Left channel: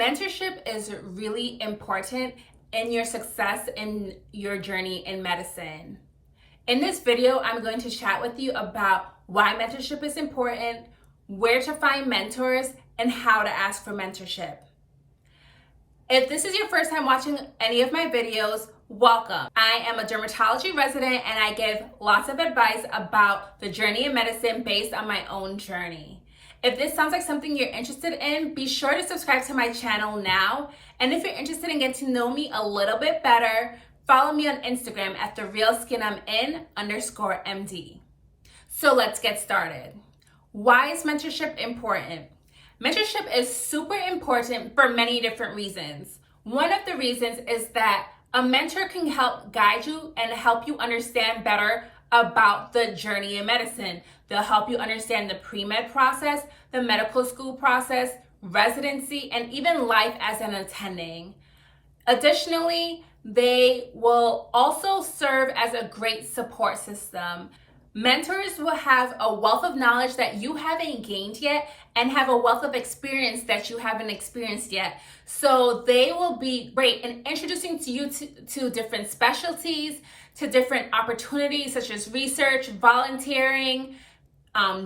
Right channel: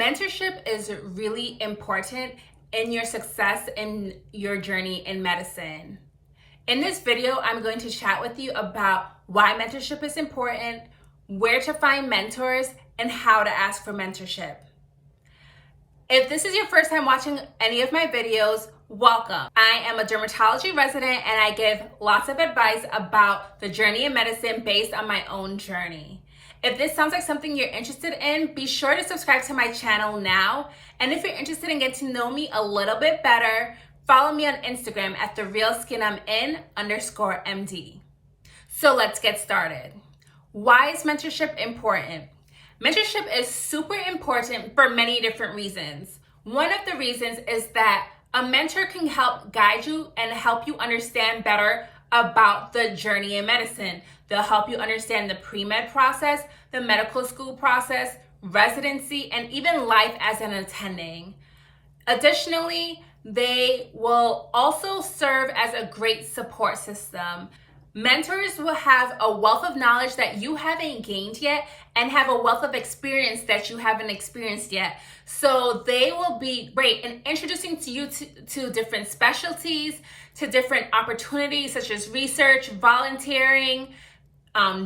Mentorship is really important in your success in your journey in medicine. In this video, I'm going to chat with you about why mentorship is important, where to find mentors, and how to ask for mentorship. If this is your first time watching any of my videos, welcome. I am a dermatology resident and I give lots of advice about the journey in medicine based on my own journey. If this sounds like something you're interested in, be sure to subscribe to my channel now. And if you're interested in getting to know me a little bit better, follow me on Instagram at therealskinimin_MD. So let's get started. Why is mentorship important? Mentorship is super important for many different reasons. One of the reasons is that a mentor can help guide you and help you understand better about the journey in medicine. They'll help you understand the pre-med process, the medical school process, residency, and even life as an attending. Additionally, they will also serve as a great support system. Mentors will have a wealth of knowledge that you haven't gained yet and have a wealth of experience that you haven't experienced yet. So they will be great in introducing to you to different specialties, to different opportunities such as research, volunteering,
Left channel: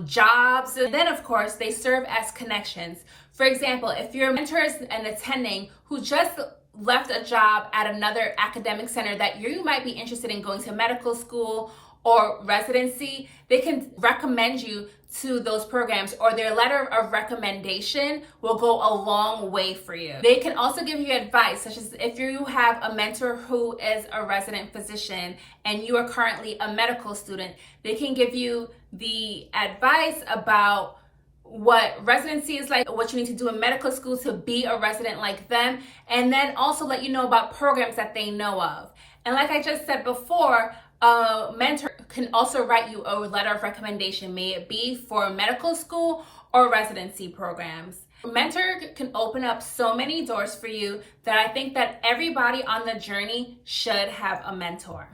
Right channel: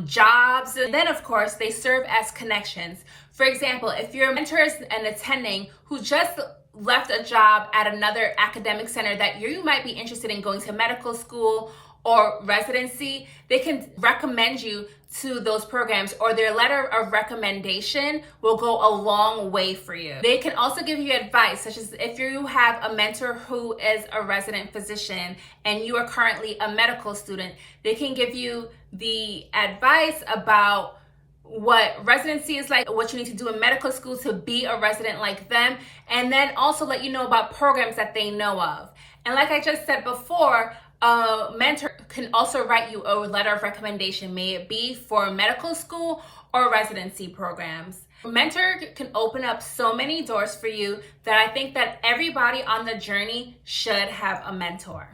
jobs. And then of course, they serve as connections. For example, if your mentor is an attending who just left a job at another academic center that you might be interested in going to medical school or residency, they can recommend you to those programs, or their letter of recommendation will go a long way for you. They can also give you advice, such as if you have a mentor who is a resident physician and you are currently a medical student, they can give you the advice about what residency is like, what you need to do in medical school to be a resident like them, and then also let you know about programs that they know of. And like I just said before, a mentor can also write you a letter of recommendation, may it be for medical school or residency programs. A mentor can open up so many doors for you that I think that everybody on the journey should have a mentor.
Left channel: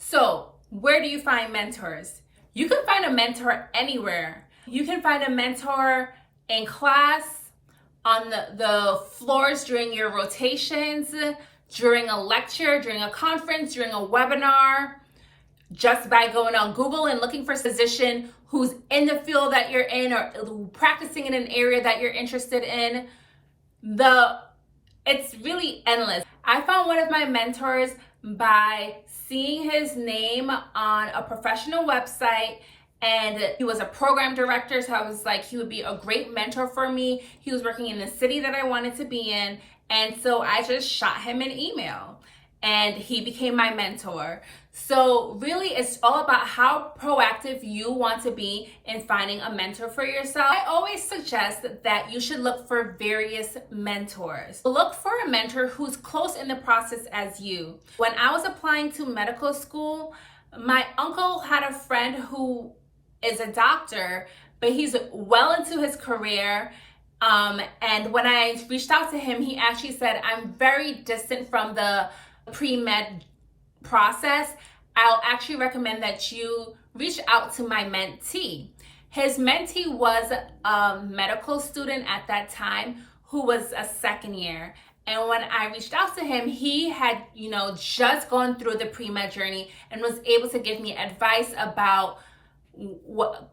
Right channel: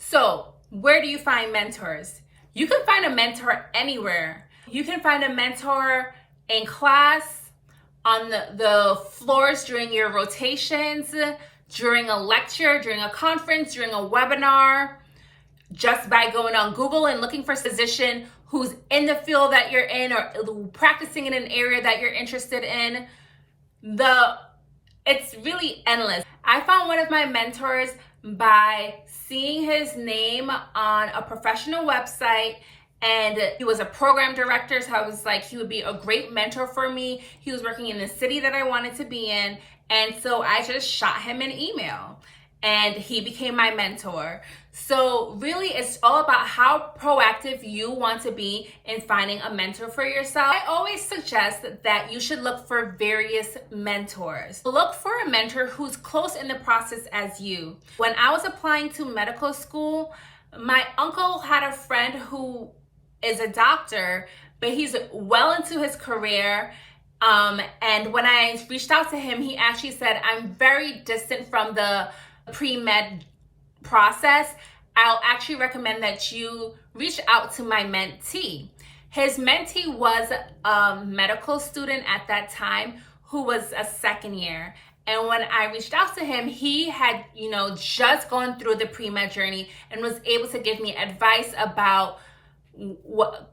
So, where do you find mentors? You can find a mentor anywhere. You can find a mentor in class, on the floors during your rotations, during a lecture, during a conference, during a webinar, just by going on Google and looking for a physician who's in the field that you're in or practicing in an area that you're interested in. It's really endless. I found one of my mentors by seeing his name on a professional website, and he was a program director, so I was like, he would be a great mentor for me. He was working in the city that I wanted to be in, and so I just shot him an email, and he became my mentor. So really, it's all about how proactive you want to be in finding a mentor for yourself. I always suggest that you should look for various mentors. Look for a mentor who's close in the process as you. When I was applying to medical school, my uncle had a friend who is a doctor, but he's well into his career. And when I reached out to him, he actually said, I'm very distant from the pre-med process. I'll actually recommend that you reach out to my mentee. His mentee was a medical student at that time who was a second year. And when I reached out to him, he had, just gone through the pre-med journey and was able to give me advice about what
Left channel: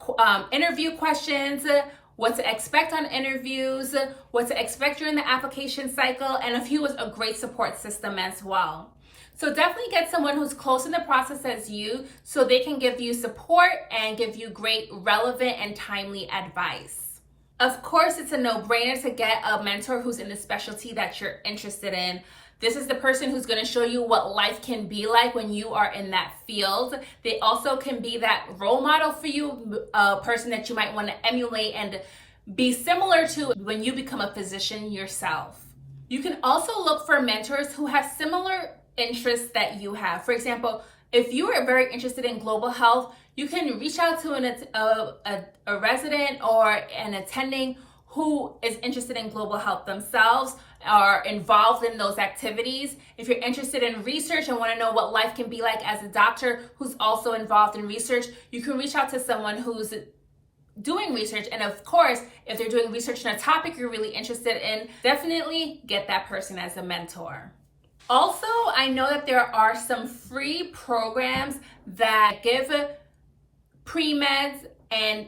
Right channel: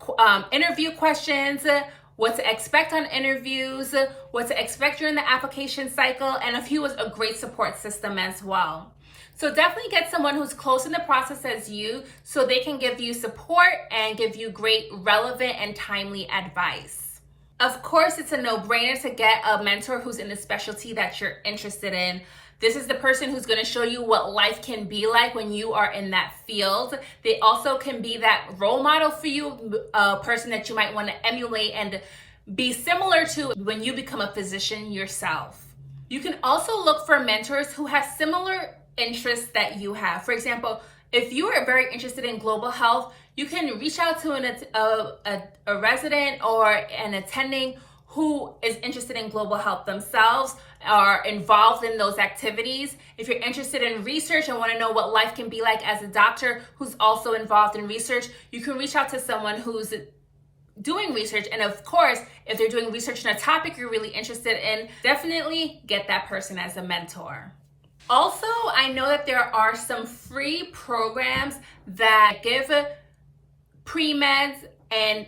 interview questions, what to expect on interviews, what to expect during the application cycle, and if he was a great support system as well. So definitely get someone who's close in the process as you so they can give you support and give you great, relevant, and timely advice. Of course, it's a no-brainer to get a mentor who's in the specialty that you're interested in. This is the person who's going to show you what life can be like when you are in that field. They also can be that role model for you, a person that you might want to emulate and be similar to when you become a physician yourself. You can also look for mentors who have similar interests that you have. For example, if you are very interested in global health, you can reach out to a resident or an attending who is interested in global health themselves, are involved in those activities. If you're interested in research and want to know what life can be like as a doctor who's also involved in research, you can reach out to someone who's doing research. And of course, if they're doing research in a topic you're really interested in, definitely get that person as a mentor. Also, I know that there are some free programs that give pre-meds and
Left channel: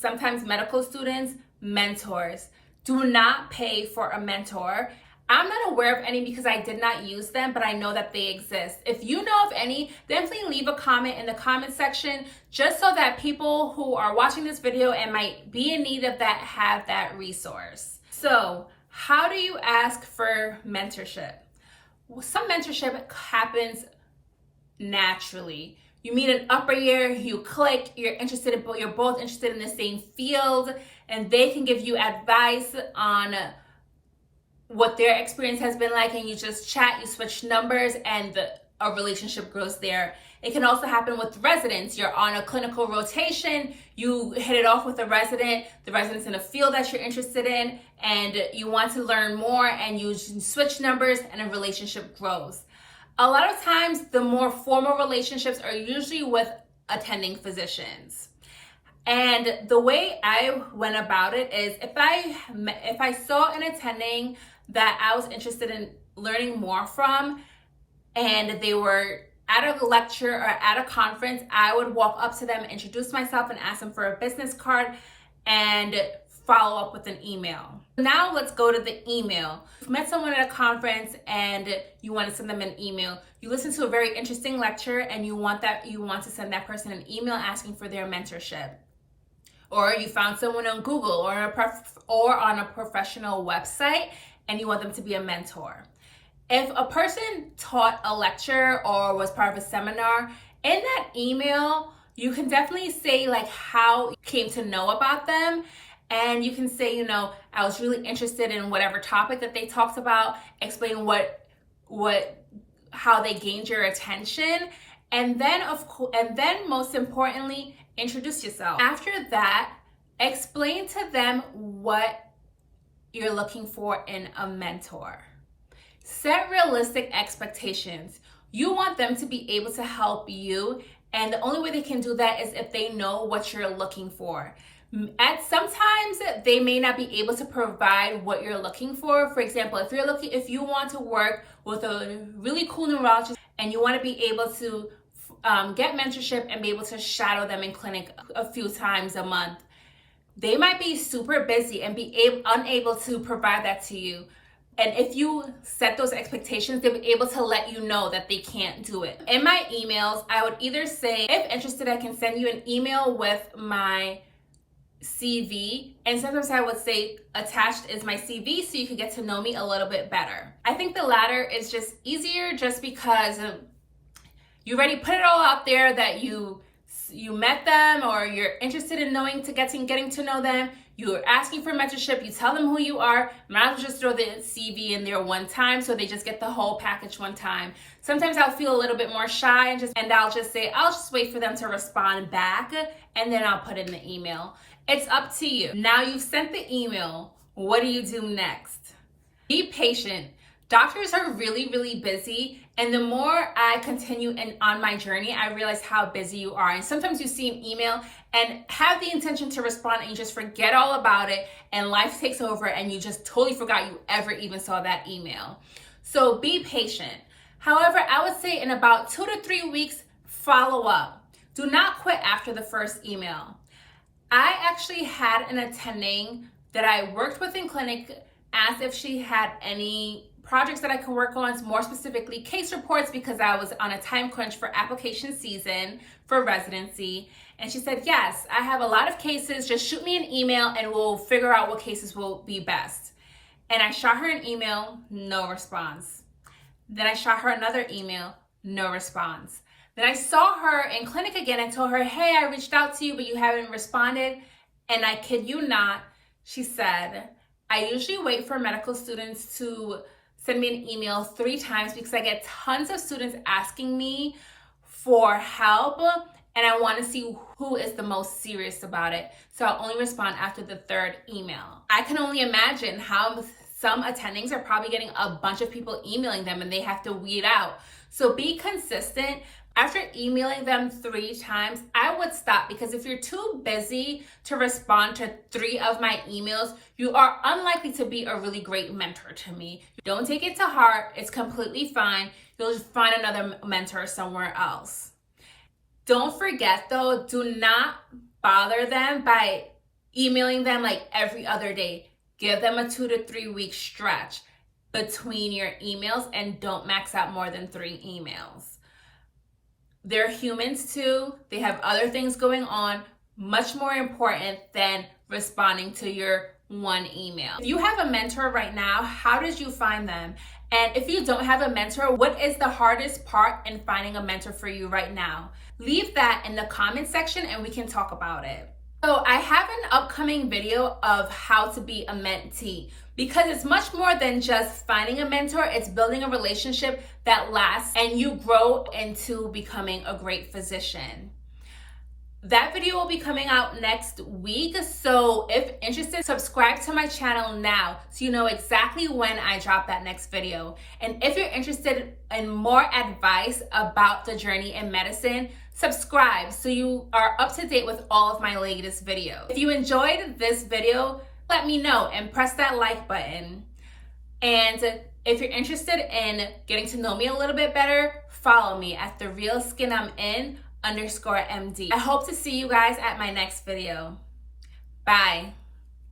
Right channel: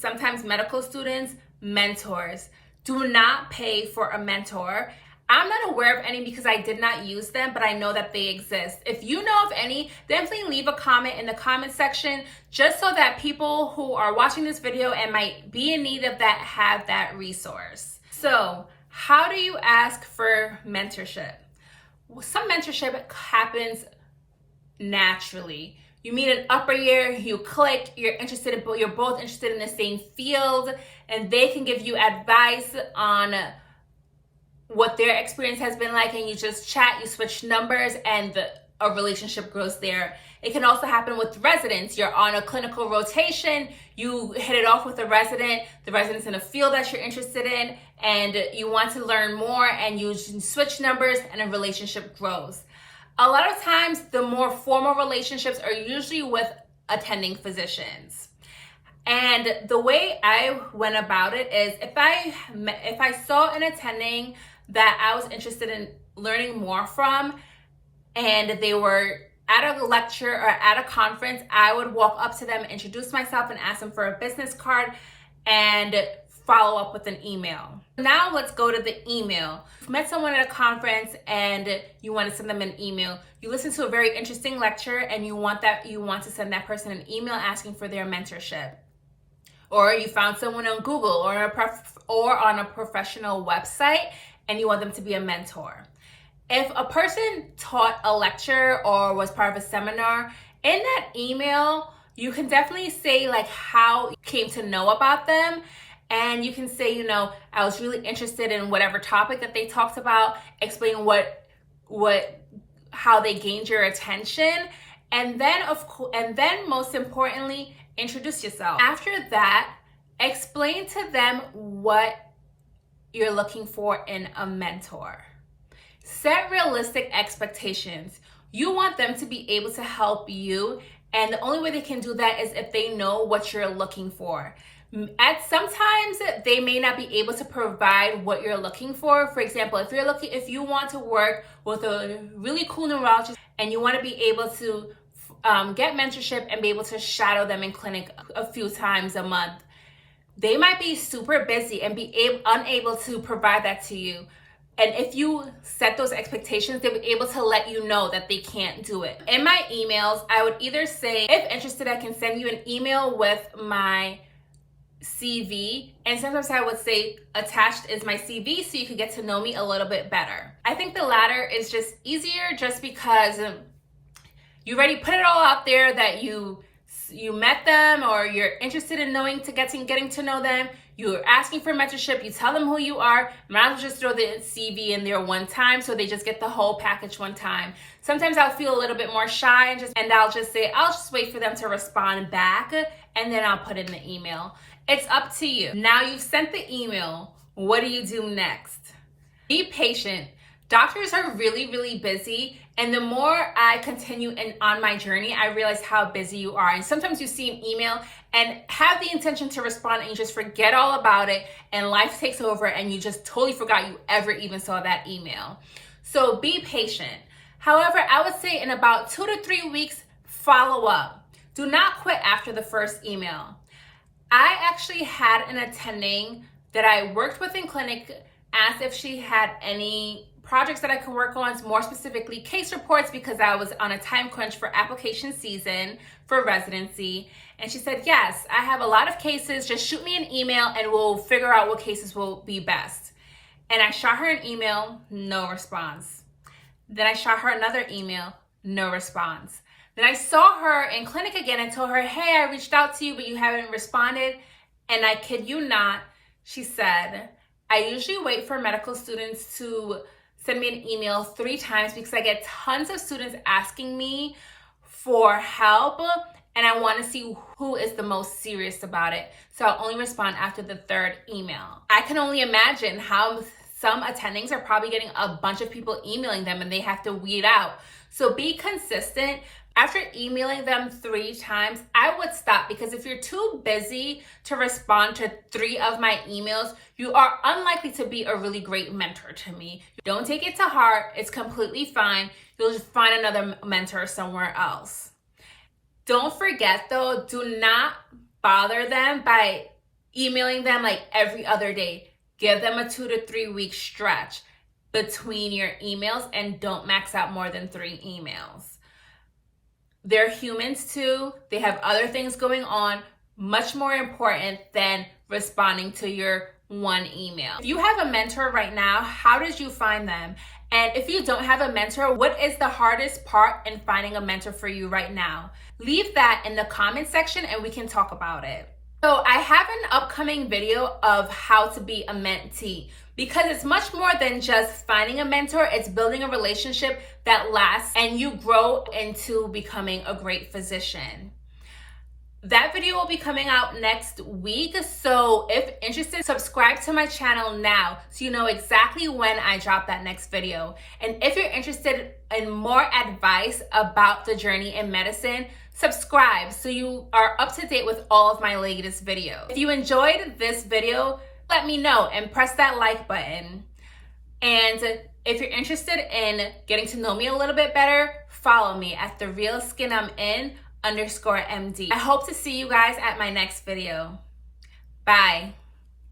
sometimes medical students mentors. Do not pay for a mentor. I'm not aware of any because I did not use them, but I know that they exist. If you know of any, definitely leave a comment in the comment section just so that people who are watching this video and might be in need of that have that resource. So, how do you ask for mentorship? Well, some mentorship happens naturally. You meet an upper year, you click, you're both interested in the same field, and they can give you advice on what their experience has been like, and you just chat, you switch numbers, and a relationship grows there. It can also happen with residents. You're on a clinical rotation, you hit it off with the resident's in a field that you're interested in, and you want to learn more, and you switch numbers, and a relationship grows. A lot of times, the more formal relationships are usually with attending physicians. And the way I went about it is if I saw an attending that I was interested in learning more from, and they were at a lecture or at a conference, I would walk up to them, introduce myself, and ask them for a business card and follow up with an email. Now let's go to the email. You've met someone at a conference and you want to send them an email. You listen to a very interesting lecture and you want to send that person an email asking for their mentorship. Or you found someone on Google or on a professional website and you want them to be a mentor. If a person taught a lecture or was part of a seminar, in that email, you can definitely say like how you came to know about them. And you can say, I was really interested in whatever topic that they talked about, explain how they gained your attention. And then most importantly, introduce yourself. After that, explain to them what you're looking for in a mentor. Set realistic expectations. You want them to be able to help you, and the only way they can do that is if they know what you're looking for. Sometimes they may not be able to provide what you're looking for. For example, if you want to work with a really cool neurologist and you want to be able to get mentorship and be able to shadow them in clinic a few times a month, they might be super busy and be unable to provide that to you. And if you set those expectations, they'll be able to let you know that they can't do it. In my emails, I would either say, if interested, I can send you an email with my CV, and sometimes I would say attached is my CV so you could get to know me a little bit better. I think the latter is just easier just because you already put it all out there that you met them or you're interested in getting to know them. You're asking for mentorship, you tell them who you are. Might as well just throw the CV in there one time so they just get the whole package one time. Sometimes I'll feel a little bit more shy and I'll just say, I'll just wait for them to respond back and then I'll put in the email. It's up to you. Now you've sent the email, what do you do next? Be patient. Doctors are really, really busy. And the more I continue on my journey, I realize how busy you are. And sometimes you see an email and have the intention to respond and you just forget all about it and life takes over and you just totally forgot you ever even saw that email. So be patient. However, I would say in about 2 to 3 weeks, follow up. Do not quit after the first email. I actually had an attending that I worked with in clinic asked if she had any projects that I could work on, more specifically case reports, because I was on a time crunch for application season for residency. And she said, yes, I have a lot of cases. Just shoot me an email and we'll figure out what cases will be best. And I shot her an email, no response. Then I shot her another email, no response. Then I saw her in clinic again and told her, hey, I reached out to you, but you haven't responded. And I kid you not, she said, I usually wait for medical students to send me an email 3 times because I get tons of students asking me for help and I want to see who is the most serious about it. So I'll only respond after the 3rd email. I can only imagine how some attendings are probably getting a bunch of people emailing them and they have to weed out. So be consistent. After emailing them 3 times, I would stop, because if you're too busy to respond to 3 of my emails, you are unlikely to be a really great mentor to me. Don't take it to heart. It's completely fine. You'll just find another mentor somewhere else. Don't forget though, do not bother them by emailing them like every other day. Give them a 2 to 3 week stretch between your emails and don't max out more than 3 emails. They're humans too. They have other things going on, much more important than responding to your 1 email. If you have a mentor right now, how did you find them? And if you don't have a mentor, what is the hardest part in finding a mentor for you right now? Leave that in the comment section and we can talk about it. So I have an upcoming video of how to be a mentee, because it's much more than just finding a mentor. It's building a relationship that lasts and you grow into becoming a great physician. That video will be coming out next week. So if interested, subscribe to my channel now so you know exactly when I drop that next video. And if you're interested in more advice about the journey in medicine, subscribe so you are up to date with all of my latest videos. If you enjoyed this video, let me know and press that like button. And if you're interested in getting to know me a little bit better, follow me at @therealskinimin_MD. I hope to see you guys at my next video. Bye.